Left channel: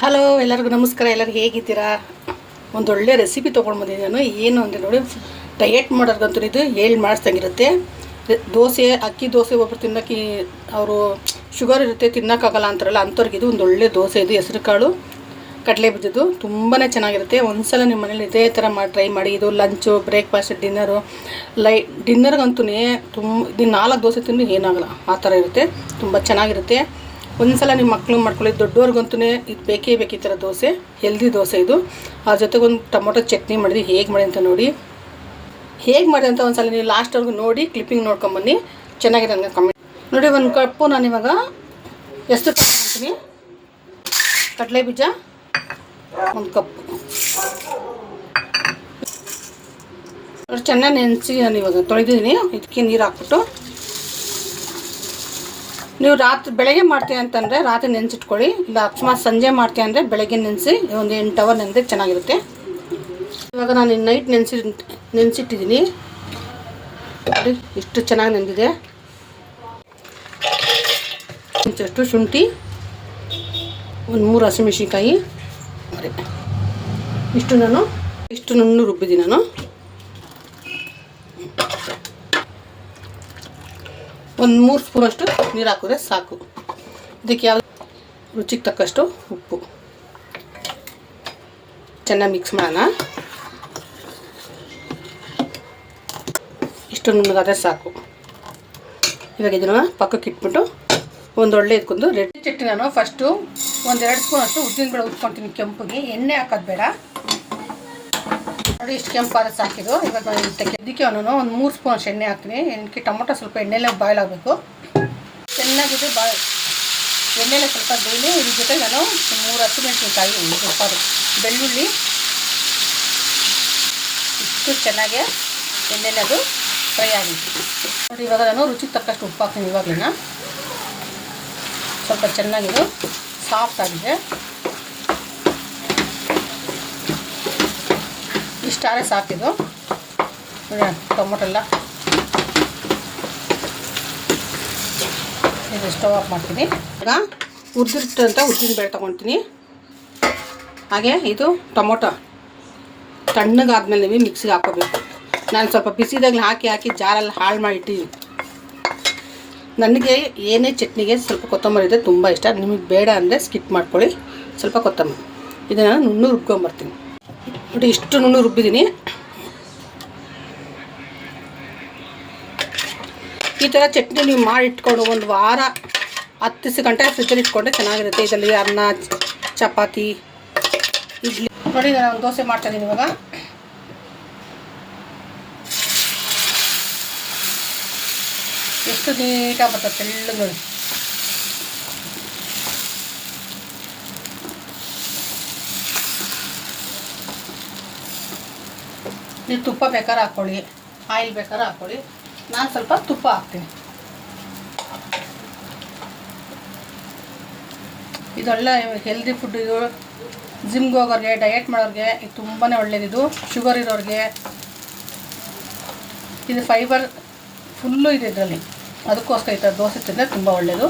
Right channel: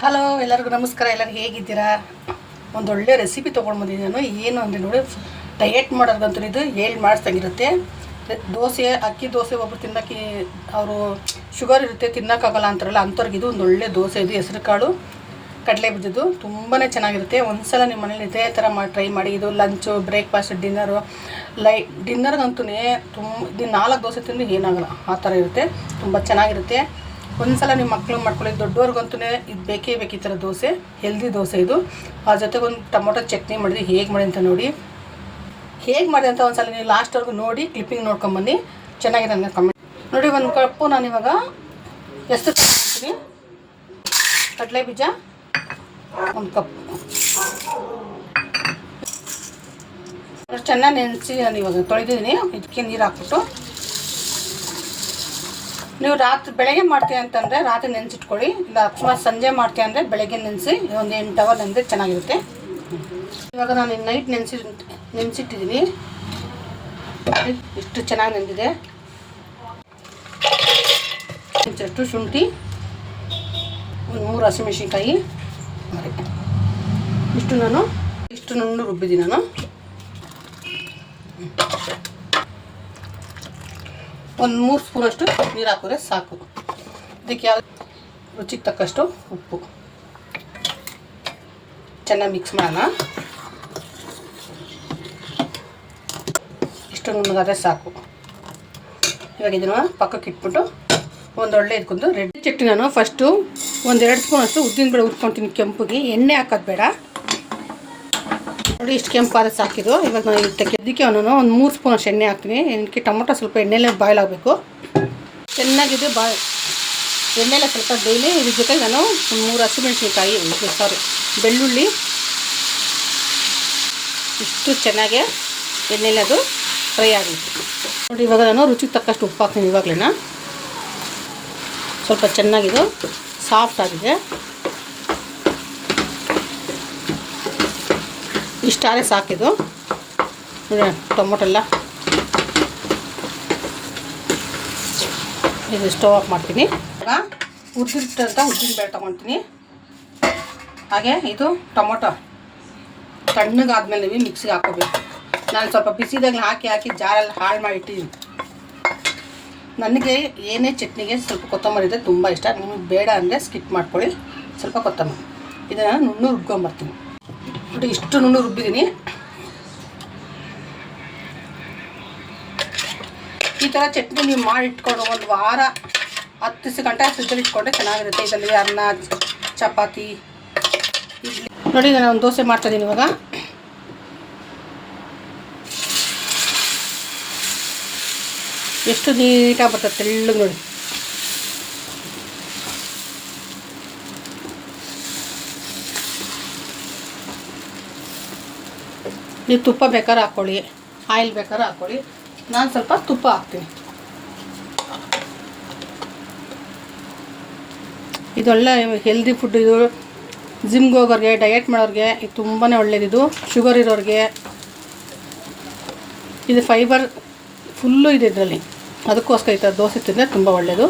Hello, ಎಲ್ಲರಿಗೂ ನಮಸ್ಕಾರ. ಎಲ್ಲರೂ ಹೇಗಿದ್ದೀರಾ? ಒಂದೊಳ್ಳೆ ರೆಸಿಪಿ ತೊಗೊಂಡು ಬಂದಿದ್ದೀನಿ ನಾನು. ಏನು ಅಂದರೆ ನೋಡಿ, ಡಯೆಟ್ ಮಾಡೋರ್ಗಂತೂ ಇದು ಹೇಳಿ ಮಾಡಿಸ್ದಂಗಿರುತ್ತೆ. ದೋಸೆ, ಅಕ್ಕಿ ದೋಸೆ ಒಬ್ಬರು ತಿನ್ನೋಕ್ಕೆ ಅವರು ಶುಗರ್ ಇರುತ್ತೆ, ತಿನ್ನೋಕ್ಕಾಗಲ್ಲ ಅಂತಾರಲ್ಲ, ಅಂಥವ್ರಿಗೆ ಇದು ಒಂದೊಳ್ಳೆ ದೋಸೆ. ಇದು ಹೆಸರು ಕಾಳು ಕಡಲೆ ಬೀಜದ್ದು ತುಂಬಾ ಚೆನ್ನಾಗಿರುತ್ತೆ. ಒಂದ್ಸಲ ನಿಮ್ಮ ಮನೇಲಿ ಇದೇ ಥರ ಟ್ರೈ ಮಾಡಿ. ಇದು ಲಂಚು, ಬ್ರೇಕ್ಫಾಸ್ಟ್, ಡಿನ್ನರು, ಡಿನ್ನರ್ಗಂತೂ ಇದು 4 ದೋಸೆ ತಿಂದು ಏನಾಗಲ್ಲ, ಆ ಥರ ಇರುತ್ತೆ. ತುಂಬ ಚೆನ್ನಾಗಿರುತ್ತೆ. ಒಂದ್ಸಲ ನಿಮ್ಮ ಮಕ್ಕಳು ಮಾಡ್ಕೊಳ್ಳಿ. ದೊಡ್ಡವ್ರಿಗಂತೂ ಇದು ಬೇಕೇ ಬೇಕು ಈ ಥರ ದೋಸೆ. ಹೆಲ್ದಿ ದೋಸೆ ಇದು. ಆ ಜೊತೆಗೆ ಒಂದು ಟೊಮೊಟೊ ಚಟ್ನಿ ಮಾಡಿದ್ವಿ. ಹೇಗೆ ಮಾಡಿ ಅಂತ ನೋಡಿ, ಹೇಗೆ ಮಾಡಿ ಅಂತ ಒಂದ್ಸಲ ನೀವು ಲಾಸ್ಟ್ವರೆಗೂ ನೋಡಿ ಕ್ಲಿಪ್ಪಿಂಗ್ ನೋಡ್ಕೊಂಬನ್ನಿ. ಚೆನ್ನಾಗಿದೆ ನನಗೆ ಕಮೆಂಟ್ ನೋಡಿ. 1 ಕಪ್ಪು ನಾನಿವಾಗ ಎಷ್ಟು ತಗೊಳ್ತೀನಿ, ಕಡಲೆ ಬೀಜ 1 ಕಪ್ಪು ಚೆನ್ನಾಗಿ ನೆನೆಸಿ ನಾನು ಇವಾಗ ತೊಳೆದಿದ್ದೀನಿ. ಇದಕ್ಕೆ ನೀರು ಹಾಕ್ಬಿಟ್ಟು, ನೀವು ಬೆಳಗ್ಗೆ ಮಾಡ್ತೀವಿ ಅಂತಂದರೆ ರಾತ್ರಿ ನೆನೆಸಿಟ್ಕೊಳ್ಳಿ. ಇಲ್ಲ ಅಕಸ್ಮಾತ್ ಸಂಜೆ ಮಾಡ್ತೀವಿ ಅಂದರೆ ಬೆಳಗ್ಗೆ ನೆನೆಸಿ ಒಂದು 8 ಅವರ್ ನೆನೆದ್ರೆ ಚೆನ್ನಾಗಿರುತ್ತೆ. ಇವಾಗ ನಾನು ನೈಟ್ ನೆನೆಸಿಟ್ಟಿದ್ದೀನಿ ನೋಡಿ, ಇಷ್ಟು ಚೆನ್ನಾಗಿ ನೆಂದಿದೆ. ಒಂಚೂರು ಶುಂಠಿ, ಒಂದು 3 ಹಸಿಮೆಣಸಿನ್ಕಾಯಿ, ಇಷ್ಟು ನುಣ್ಣು ರುಬ್ಬಿದ್ದೀನಿ ನಾನು. ಒಂದು 3 ಸ್ಪೂನಷ್ಟು ನೀರು ಹಾಕಿದ್ರೆ ಸಾಕು. ಇದಕ್ಕೆ ಯಾವ ರುಚಿಗೆ ತಕ್ಕಷ್ಟು ಉಪ್ಪು ಚೆನ್ನಾಗಿ ಮಿಕ್ಸ್ ಮಾಡೋಣ. ಇಷ್ಟು ನುಣ್ಣಗಾದ್ರೆ ಸಾಕು. ಇವಾಗ ಇದನ್ನು ಪಕ್ಕಕ್ಕೆ ಇಟ್ಬಿಟ್ಟು ಒಂದೊಳ್ಳೆ ಇದಕ್ಕೊಂದು ರೆಡ್ ಚಟ್ನಿ ನಾನು ಫಸ್ಟು 1-2 ಸ್ಪೂನಷ್ಟು ಉದ್ದಿನಬೇಳೆ ಉಟ್ಕೊತೀನಿ ಕೆಂಪುಗೆ. ಎಣ್ಣೆ ಹಾಕೋದು ಬೇಡ ನೋಡಿ. ಇಷ್ಟು ಕೆಂಪಾದ್ರೆ ಸಾಕಿದು. ಇವಾಗ ನಾನು ಇದಕ್ಕೆ ನಾನು ಒಂದು 3 ಸ್ಪೂನಷ್ಟು ಎಣ್ಣೆ ಹಾಕ್ತೀನಿ. ಇದಕ್ಕೆ ಟೊಮೊಟೊ ಸ್ವಲ್ಪ ಎಣ್ಣೆಲೇ ಬಾಯ್ಲ್ ಆಗಬೇಕು. ಚೆನ್ನಾಗಿದೆ ಎಣ್ಣೆಲೆ ಸ್ವಲ್ಪ ಬೇಳೆ. ಇದ್ರ ಜೊತೆ ನಾನು 3 ಹಸಿಮೆಣಸಿನ್ಕಾಯಿ, ಬೆಳ್ಳುಳ್ಳಿ ಇಷ್ಟು ಚೆನ್ನಾಗಿ ಎಣ್ಣೆಲೆ ಅದು ಫ್ರೈ ಆಗುತ್ತೆ ನೋಡಿ. ಇವಾಗ ನಾನು ರುಚಿಗೆ ತಕ್ಕಷ್ಟು ಉಪ್ಪು ಹಾಕ್ತೀನಿ. ಇವಾಗಲೇ ಸ್ವಲ್ಪ ಚೆನ್ನಾಗಿದು ಸಾಫ್ಟ್ ಆಗಿದೆ. ಇಷ್ಟಾರೆ ಸಾಕಿದು. ಟೊಮೊಟೊ ಎಲ್ಲ ಇದು ಸ್ಟವ್ ಆಫ್ ಮಾಡ್ತೀನಿ. ಈಗ ಉದ್ದಿಟ್ಟಂತ ಉದ್ದಿನಬೇಳೆ ತೊಗೊಳ್ತೀನಿ. ಹಾಗೆ ಇದು ಟೊಮೊಟೊ ತಣ್ಣಗಾದ್ಮೇಲೆ ನೀವು ಮಿಕ್ಸಿಗೆ ಹಾಕೋಬೇಕು. ನಾನು ಸ್ವಲ್ಪ ಬಿಸಿದಾಗಲೇ ಹಾಕಿ ಜಾರಲ್ಲಿ ಹಾಳು ಮಾಡಿಟ್ಟಿದ್ದೀನಿ. ನನಗೆ ಏನೇ ಚಟ್ನಿಗೆ ಸ್ವಲ್ಪ ಕೊತ್ತಂಬರಿ ಇದೆ ತುಂಬ ಇಷ್ಟ. ನಿಮಗೆ ಬೇಡ ಅಂದರೆ ಸ್ಕಿಪ್ ಮಾಡ್ಕೊಳ್ಳಿ. ಸ್ವಲ್ಪ ಕೊತ್ತಂಬರಿ ಇದನ್ನು ನುಣ್ಣು ರುಬ್ಕೊಂಬರ್ತೀನಿ ನೋಡಿ. ಇಷ್ಟು ನುಣ್ಣು ರುಬ್ಬಿದ್ದೀನಿ. ಈ ಥರ ಚಟ್ನಿ ನೀವು ಮಾಡಿ ಇಟ್ಕೊಂಡು 1 ವಾರ 10 ಗಂಟೆ ಫ್ರಿಜ್ಜಲ್ಲಿ ಇಟ್ಕೊಂಡ್ರೆ ಚೆನ್ನಾಗಿರುತ್ತೆ. ಇದರಲ್ಲಿ ಅನ್ನ, ಚಪಾತಿ, ಇಡ್ಲಿ ನೋಡಿ. ನಾನು ಒಂದು ದೋಸೆ ಮಾಡ್ತಾಯಿದ್ದೀನಿ ಇವಾಗ. ಎಷ್ಟು ನೀಟಾಗಿ ಬರ್ತದೆ, ತೆಳ್ಳಗೆ ನೋಡಿ. ನೀವು ತುಪ್ಪ ಬೇಕಾದ್ರೆ ಹಾಕ್ಕೊಳ್ಳಿ, ಆಯಿಲ್ ಬೇಕಾದ್ರೆ ಹಾಕ್ಕೊಳ್ಳಿ. ನಾನು ಸ್ವಲ್ಪ ತುಪ್ಪ ಹಾಕ್ತೀನಿ. ಇದೊಳ್ಳೆ ಹೆಲ್ದಿ ಫುಡ್. ಇದು ಜಿಮ್ಗೆ ಹೋಗೋರಿಗೆ, ಡಯೆಟ್ ಮಾಡೋರಿಗೆ ಇದು ತುಂಬಾ ಒಳ್ಳೆಯದಿದು. ಶುಗರ್ ಇರೋರಿಗೆ ಇದು ಫೈಬರ್ ಫುಲ್ಲು ಇದೆ ಇದರಲ್ಲಿ. ಅದಕ್ಕೋಸ್ಕರ ಈ ಥರ ದೋಸೆ ತಿಂದರೆ ತುಂಬ ಒಳ್ಳೆಯದು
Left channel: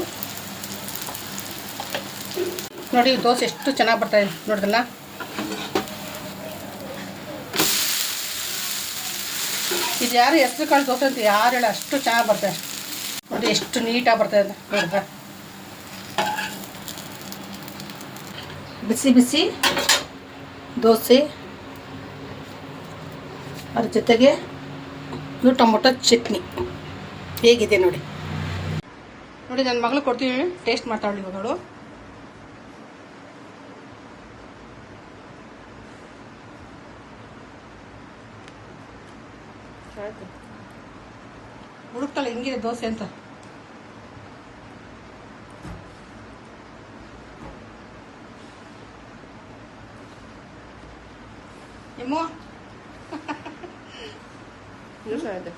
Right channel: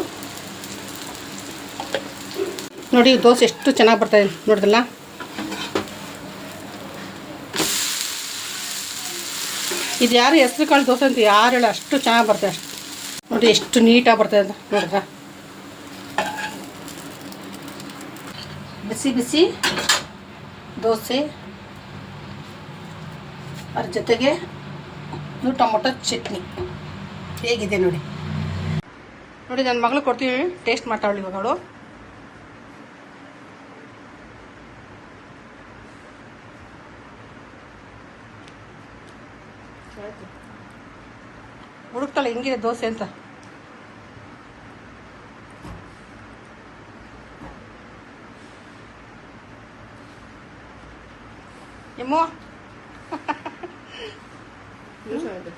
ನೋಡಿ. ದೋಸೆ ಎಷ್ಟು ಚೆನ್ನಾಗಿ ಬರ್ತಾಯಿದೆ ನೋಡಿದ್ರಲ್ಲ. ಇದು ಯಾರು ಹೆಸ್ರು ಕಾಳು ದೋಸೆ ಅಂತ ಯಾರು ಹೇಳಿ, ಅಷ್ಟು ಚೆನ್ನಾಗಿ ಬರ್ತಾರೆ ನೋಡಿ. ಎಷ್ಟು ನೀಟಾಗಿ ಬರ್ತಾಯಿದೆ ಅಂತ ನೋಡಿದ್ರೆ. ಬಿಸಿ ಬಿಸಿ ದೋಸೆ, ಅದ್ರ ಜೊತೆಗೆ ಇದು ಟೊಮೊಟೊ ಚಟ್ನಿ ಹೇಗಿದೆ ನೋಡಿ. ನನ್ನ ಮಗಳು ಕೊಡ್ತೀವಿ, ಟೇಸ್ಟ್ ಮಾಡ್ತಾವಳಿ ಮಗಳು. ಹುಡುಕ್ತಾಳೆ ಹೆಂಗಿದೆ ದೋಸೆ ಅಂತ. ಎಮ್ಮೋ ಚೆನ್ನಾಗಿದೆ.